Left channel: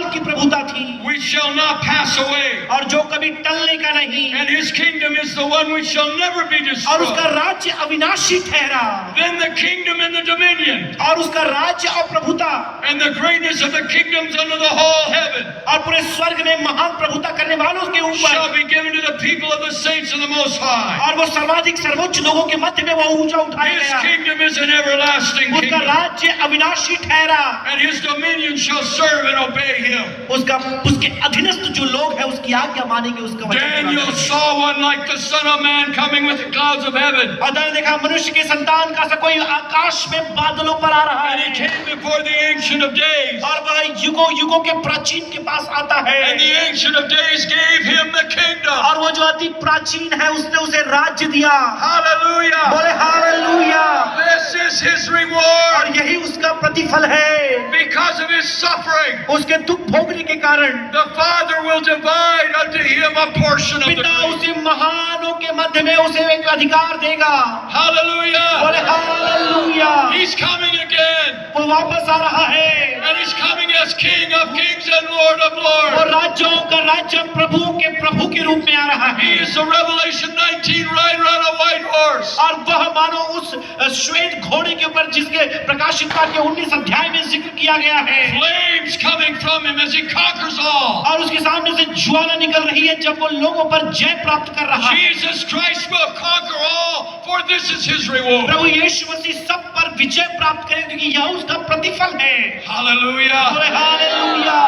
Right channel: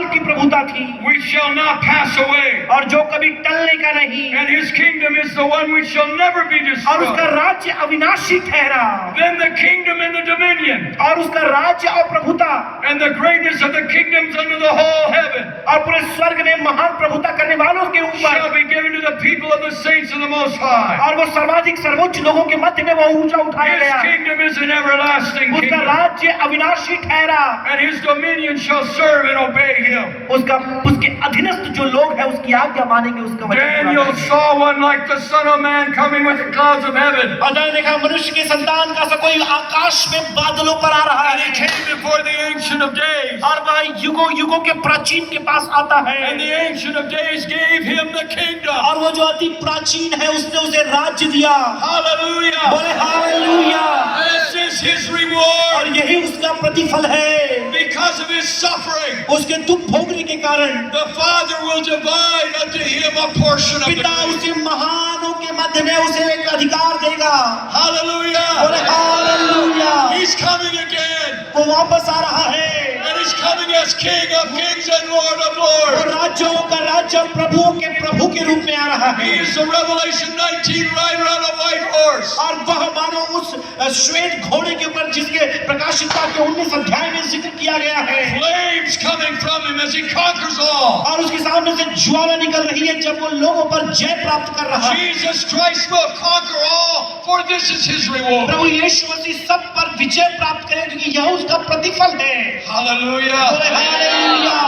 काल की प्रभुता थी, which shall not pass away. और जो कभी टलने का नहीं, And his kingdom is the one which shall never be और उसका destroyed. राज्य अविनाशी ठहरा, Then the kingdom and the dominion और उसका राज्य और प्रभुता and the greatness of the kingdoms under the whole heaven और पूरे स्वर्ग में महान प्रभुता करने वालों के shall ऊपर, be given to the people of the saints of the Most High. और वो सर्वाधिक सर्वोच्च लोगों के मध्य में वो ऊंचा उठाया His गया, kingdom is an everlasting उसका kingdom, राज्य अविनाशी ठहरा, and his dominion shall serve and obey him. उसके अधीनस्थ जो लोग हैं उसकी आज्ञा मानेंगे, उसका वचन Daniel मानेंगे। saw one like the Son of Man coming with the clouds of heaven. और मैंने देखा मनुष्य के संतान का सा कोई आकाश में बादलों पर आ रहा And he है, came before the Ancient of Days. और वह युगों युगों के प्राचीन के पास आता है, And the Ancient of Days gave him the kingdom. और वो जो अति प्राचीन है उसने उसे राज्य दिया। Hallelujah. बोले hallelujah. This is his reward और यही उसका प्रतिफल है, because of his suffering. उसके दुख भोगने के कारण The Father will divide unto him a portion of the पिता kingdom. उसे महानों के मध्य में उसे एक अधिकार देगा। Hallelujah. बोले हालेलुया। He's coming again. वो वापस आ रहा है, And he's coming as King of Kings and Lord of वो Lords. राज्यों का राज्य प्रभुओं के प्रभु के रूप में आ रहा He है, is the Revelation 19 rider on a white horse. और वह मानो उस श्वेत घोड़े के ऊपर जिसके प्रकाशित के 19 अध्याय में जिक्र किया गया है, Flames coming from him as he conquers all. और उसके सामने से ज्वाला निकल रही है जब वो लोगों पर जय प्राप्त कर रहा है। Jesus Christ will conquer all, for this is his reward. प्रभु यीशु मसीह सब पर विजय प्राप्त करेगा क्योंकि यह उसका प्रतिफल है। Hallelujah. बोले हालेलुया।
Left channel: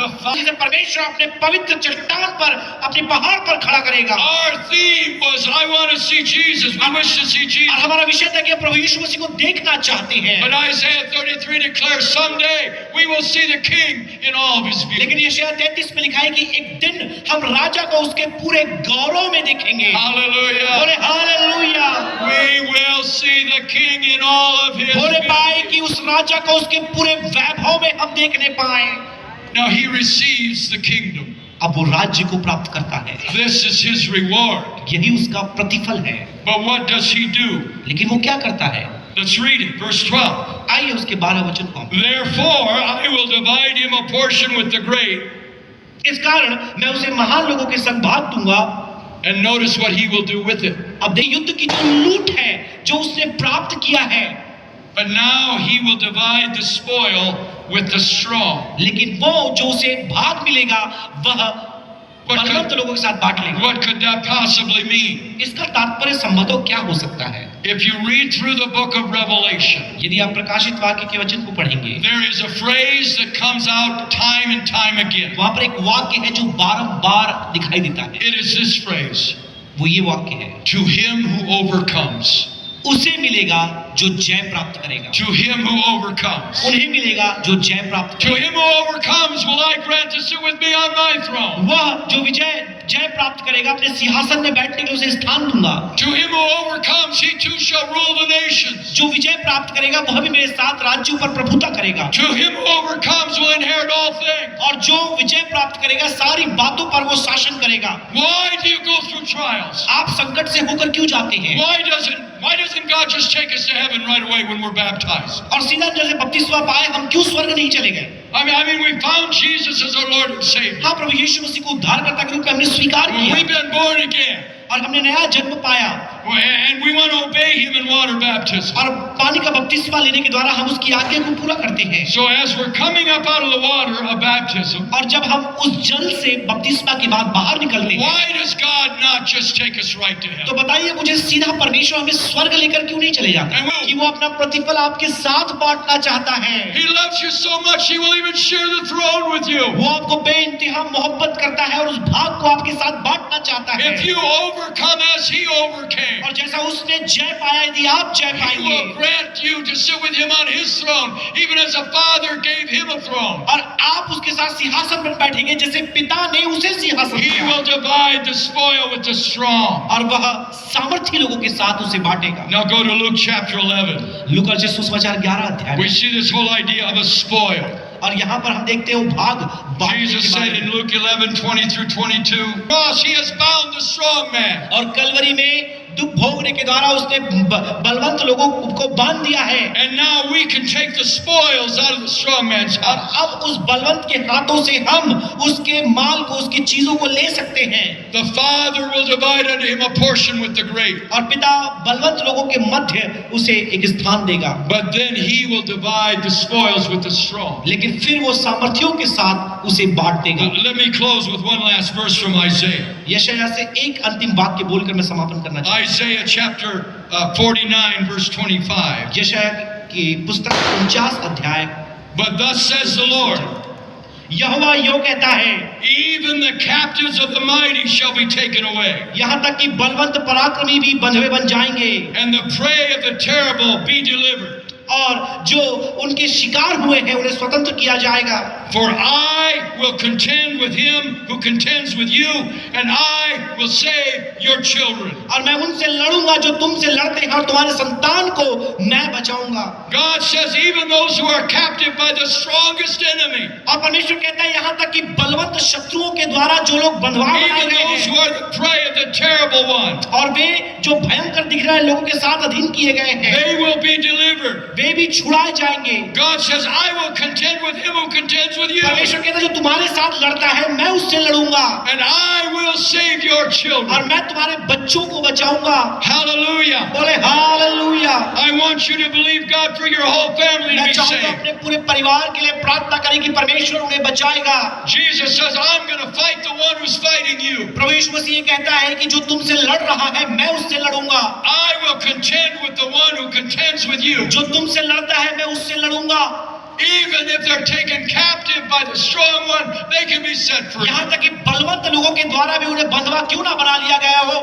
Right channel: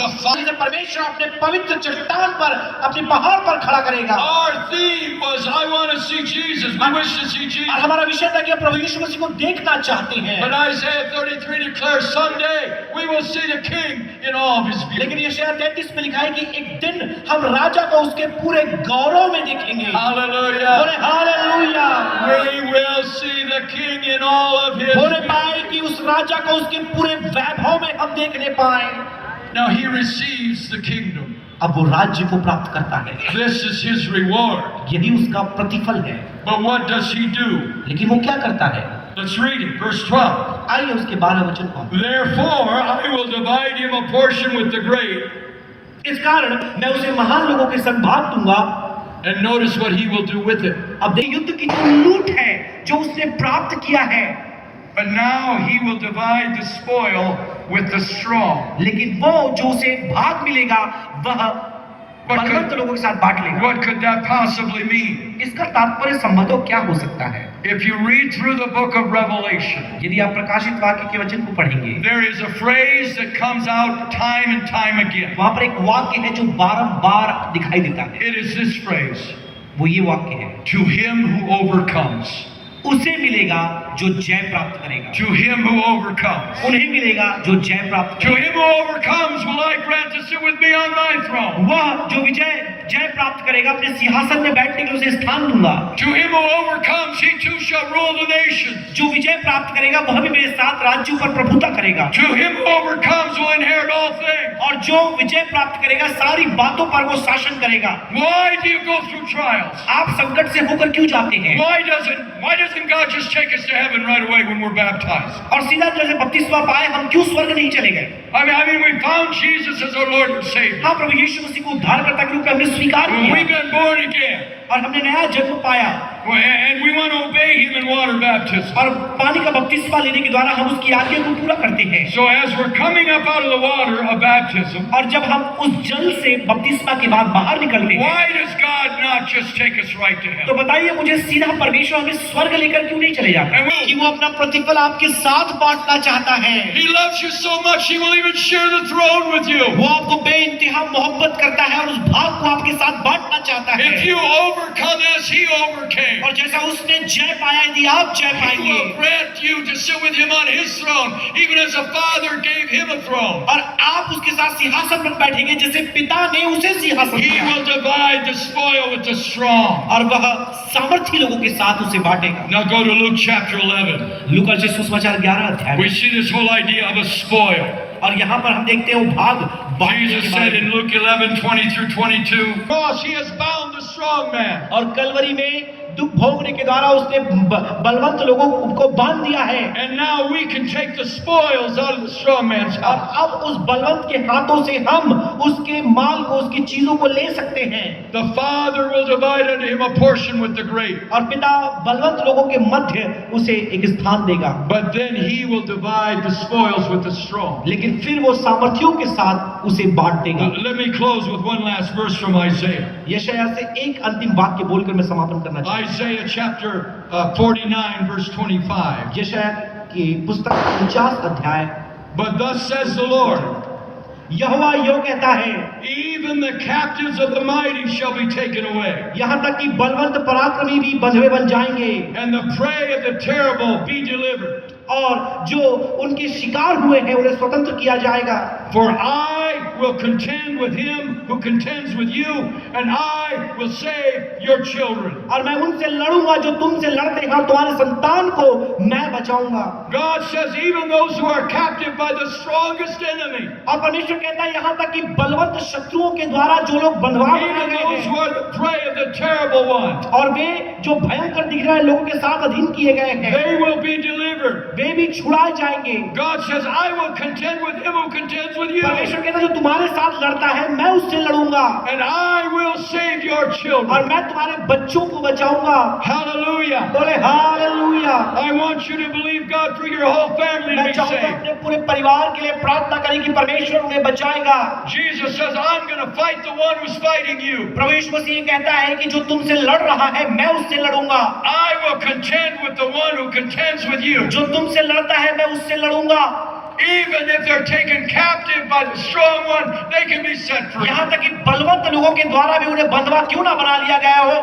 The जिसे परमेश्वर अपने पवित्र चट्टान पर, अपने पहाड़ पर खड़ा करेगा। Our theme was, I want to see Jesus. We wish to see और Jesus. हमारा विषय था कि प्रभु यीशु मसीह को देखना चाहते हैं, But Isaiah 33 declares someday we will see the King in all of his beauty. लेकिन यशायाह 33 में लिखा है कि एक दिन हम राजा को उसके पूरे गौरव में देखेंगे। Hallelujah. बोले hallelujah. We will see the King in all of his बोले beauty. पाए कि उस राजा को उसके पूरे वैभव में हम देखने पाए। Now he receives the kingdom. अब वो राज्य को प्राप्त करता है, This is his reward. यही उसका प्रतिफल है। But what does he do? लेकिन वो क्या करता है? Let's read it. Verse 12. आइए उसके 12 वचन को। Therefore I will divide him a portion with the great. इस कारण मैं उसे महान लोगों के संग भाग दूंगा। And notice what he will do with it. अब देखिए युद्ध की जो लूट है जो उसने प्राप्त किया है, But now he will divide the spoil with the strong. लेकिन वो जो उसे भाग मिलेगा वह बलवंत लोगों के साथ बांट लेगा। What could that possibly mean? इसका तात्पर्य संबंधों क्या हो सकता है? If you read through the book of Revelation, यदि आप प्रकाशित वाक्य के वचन को पढ़ेंगे, there is a phrase that comes out time and time again. वहां पर एक वाक्य है जो बारंबार दिखाई देता है। It is this phrase, वो ये वाक्य है, to him who overcomes. उसे मिलेगा जो जय प्राप्त करेगा। To him who overcomes. उन्हें मिलेगा जो जय प्राप्त To करेगा। him who overcomes will I grant to sit with me on my throne. वह जो जय प्राप्त करेगा अपने सिंहासन में बैठने के लिए उसे स्थान दूंगा। To him who overcomes, he too shall rule the nations. जो विजय प्राप्त करेगा वह भी मेरे साथ राज्यों पर प्रभुता करेगा। To him who overcomes will inherit all things. और जो विजय प्राप्त करेगा सारी बातों पर वो शासन करेगा। Why do you go through trials? आप संकट से होकर क्यों जाते हैं? Why doesn't God just take us to heaven right away when we're baptized? और सीधा जैसे बपतिस्मा पाए हम क्यों स्वर्ग नहीं चले गए? I mean, we found Jesus as our Lord and Savior. हाँ, प्रभु यीशु मसीह को उद्धारकर्ता के रूप में हमने स्वीकार We've किया been born again. और हमने नया जन्म पाया And we want to obey Him in water baptism. और पानी का बपतिस्मा लेने के द्वारा हम उसकी आज्ञा को पूरा करते हैं। So as we're coming up out of the water of baptism, और जब हम उस जल से बपतिस्मा के बाद बाहर निकलते हैं, why does God not just take us right to तो heaven? बताइए मुझे सीधा परमेश्वर हमें स्वर्ग लेकर क्यों नहीं चले जाता? कि वो अपना प्रतिफल आपके साथ बांटना चाहता है। He loves you so much, He will even share the throne with you. वो आपको बेइंतहा मोहब्बत करता है और उस भाग को आपके साथ बांटना चाहता है। If you overcome as He overcame, और जैसा उसने जय पाया यदि आप जय He पाएंगे will grant you to sit with Him on His throne, even as a father gave Him a throne. और आप उसके साथ सिंहासन पर बैठेंगे जैसे पिता ने उसे सिंहासन He दिया will divide the spoil with the strong. और वह सामर्थी लोगों के साथ उसे बांटेगा। Now go to Luke chapter 11. लूका रचित सुसमाचार 11 अध्याय We see this whole idea of a spoil. और यहाँ पर हम देखते हैं वो भाग बांटने Jesus के said बारे in में। Luke 11:20 through 22, cross, He has bound the strong man. और कलवरी में दुख भोगने के द्वारा उसने बलवंत लोगों को बांध दिया है। And now we can take the spoils out of the strong man's और house. अब उस बलवंत के हाथों से हम उसके माल को, उसकी चीजों को ले सकते हैं। The father will divide unto him a portion with the great. और पिता बलवंत लोगों के मध्य उसे एक स्थान देगा। But then he will divide the spoils with the strong. लेकिन फिर वो सामर्थियों के साथ उसे बांट देगा। Let me close with one last verse from Isaiah. यशायाह से एक अंतिम वाक्य बोलकर मैं समापन करना चाहता Isaiah chapter 49 verse 25. हूं। यशायाह की पुस्तक 49 अध्याय। But thus says the Lord, यहोवा यूं कहता है, even the captives of the mighty shall be taken away, यहाँ तक कि बलवंत पराक्रमी भी बंधुए बन जाएंगे, and the prey of the terrible be delivered. और जो उनके शिकार हुए हैं उन्हें स्वतंत्र किया जाएगा। For I will contend with him who contends with you, and I will save your children. और मैं उनसे लड़ूंगा जो तुमसे लड़ते हैं, और तुम्हारे संतान को मैं बचाऊंगा। God says even those who are captive by the strongest enemy, और परमेश्वर कहता है यहाँ तक कि बलवंत शत्रुओं के द्वारा जो लोग बंधवा बनाए even गए those who हैं, are the prey of the terrible one, और वे जो भयंकर दिख रहे हैं लोगों के साथ अधीन किए गए हैं, they will be delivered. वे भी छुड़ाए जाएंगे। God says, I will contend with him who contends with you, परमेश्वर कहता है जो तुम्हारे साथ लड़ता है मैं उससे लड़ूंगा, and I will save your और children. मैं तुम्हारे बच्चों को बचाऊंगा। Hallelujah. बोले hallelujah. I want you to believe God for your whole family to मैं be चाहूंगा saved. अपने पूरे परिवार के लिए प्रार्थना करें कि परमेश्वर उन्हें बचाएगा। Jesus says, I'm going to fight the one who's fighting you. प्रभु यीशु मसीह ये कहता है कि जो तुमसे लड़ रहा है मैं उससे लड़ूंगा, I will contend with the one who contends with you. जो तुमसे लड़ता है मैं उससे लड़ूंगा। Even if they're taken captive by the strong one, they can be set free. यहाँ तक कि बलवंत लोगों के द्वारा भी उन्हें बंधवा क्यों ना बना लिया गया हो,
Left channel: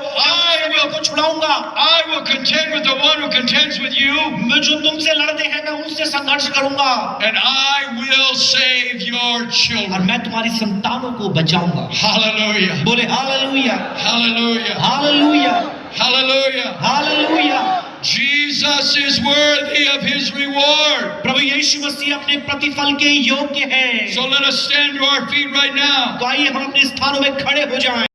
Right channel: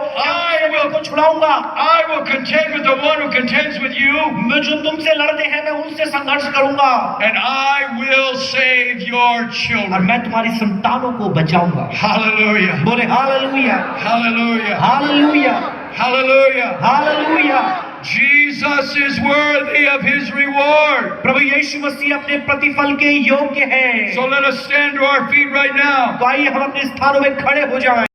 मैं उनको छुड़ाऊंगा। I will contend with the one who contends with you, मैं जो तुमसे लड़ते हैं मैं उनसे संघर्ष करूंगा, and I will save your और children. मैं तुम्हारी संतानों को बचाऊंगा। Hallelujah. बोले hallelujah, Hallelujah. Hallelujah, Hallelujah. Hallelujah. Jesus is worthy of his reward. प्रभु यीशु मसीह अपने प्रतिफल के योग्य है। So let us stand to our feet right now. तो आइए हम अपने स्थानों में खड़े हो जाएं।